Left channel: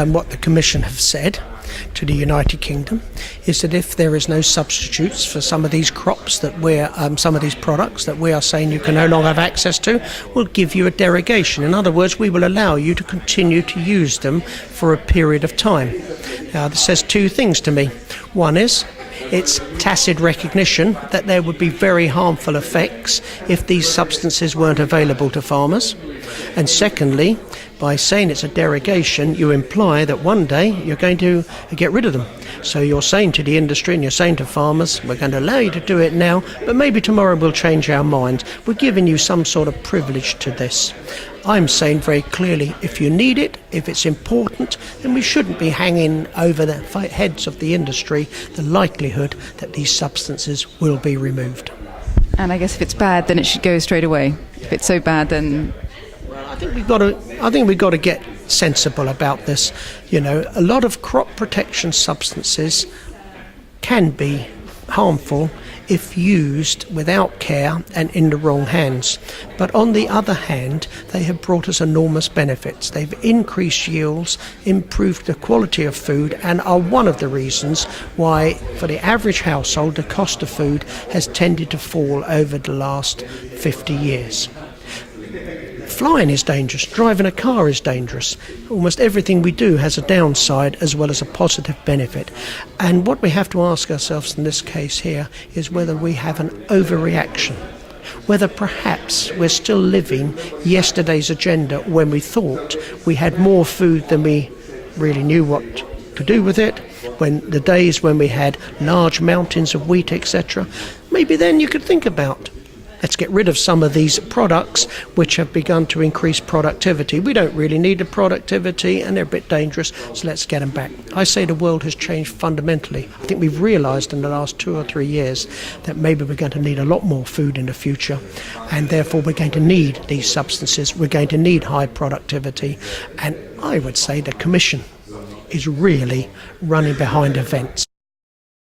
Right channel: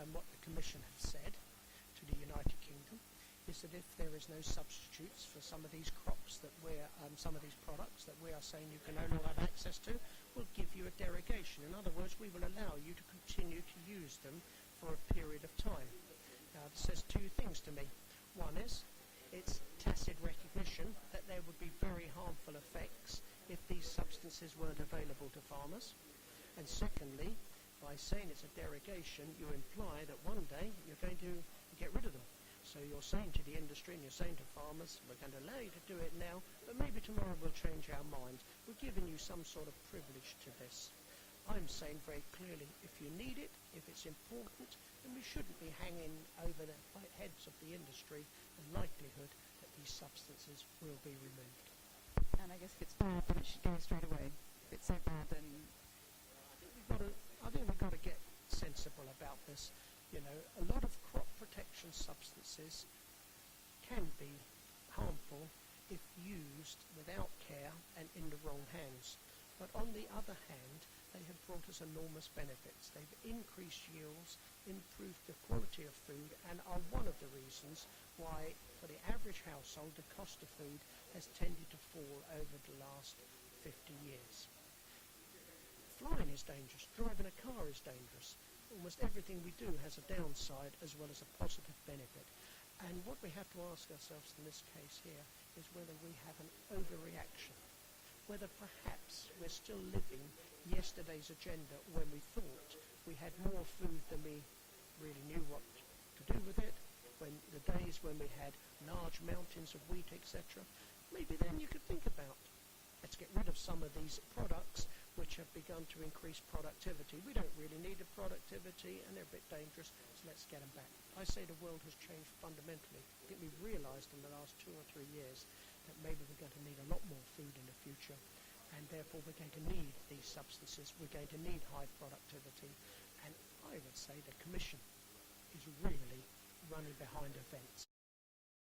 And what the Commission have said to the United Kingdom is that if there is no substitutes for some of these crops that some of these products that we are saying you can no longer have access to, we'll give you a derogation. In other words, we will allow you to continue to use them for a period of time. Now, this says two things to me. One is, it's tacit recognition that there would be very harmful effects if these substances weren't available to farmers. And secondly, by saying it's a derogation, you imply that one day you're going to get rid of them. So you're saying to the industry and you're saying to farmers, we're going to allow you to do it now, but maybe tomorrow we'll change our mind. We're giving you some sort of privilege to this. I'm saying very clearly, if you need it, if it's important, then we shouldn't be hanging over the heads of the industry the likelihood that these substances will be removed. And I guess if it's bad, then it should go straight away. If it's so bad, then... I think we've got to get sensible about this. You know, a lot of crop protection substances can be harmful if used without care and in the wrong hands. But on the other hand, they have brought us enormous benefits. They've increased yields, improved the quality of food, and are one of the reasons why, for the average household, the cost of food has tended to fall over the last 50 years. Flying is dangerous, driving a car is dangerous. Almost everything we do has a downside as well as a positive benefit. And what we have to ask ourselves in this case here is whether we have an overreaction. Whether perhaps we're still living yesterday's agenda when we thought we had more food than we really knew what to do with it, when the days when we had large mountains of wheat, etc. Maybe then you could think about, let's get rid of some of these products which have begun to increase productivity. We don't really need the productivity and they're a bit dangerous, so let's get them back. I say the world has changed fundamentally. I think we've realised in the last 2 or 3 years that maybe we're going to need a lot more food in the future, and therefore we're going to need these substances, we're going to need high productivity, and I would say the Commission is really running behind events.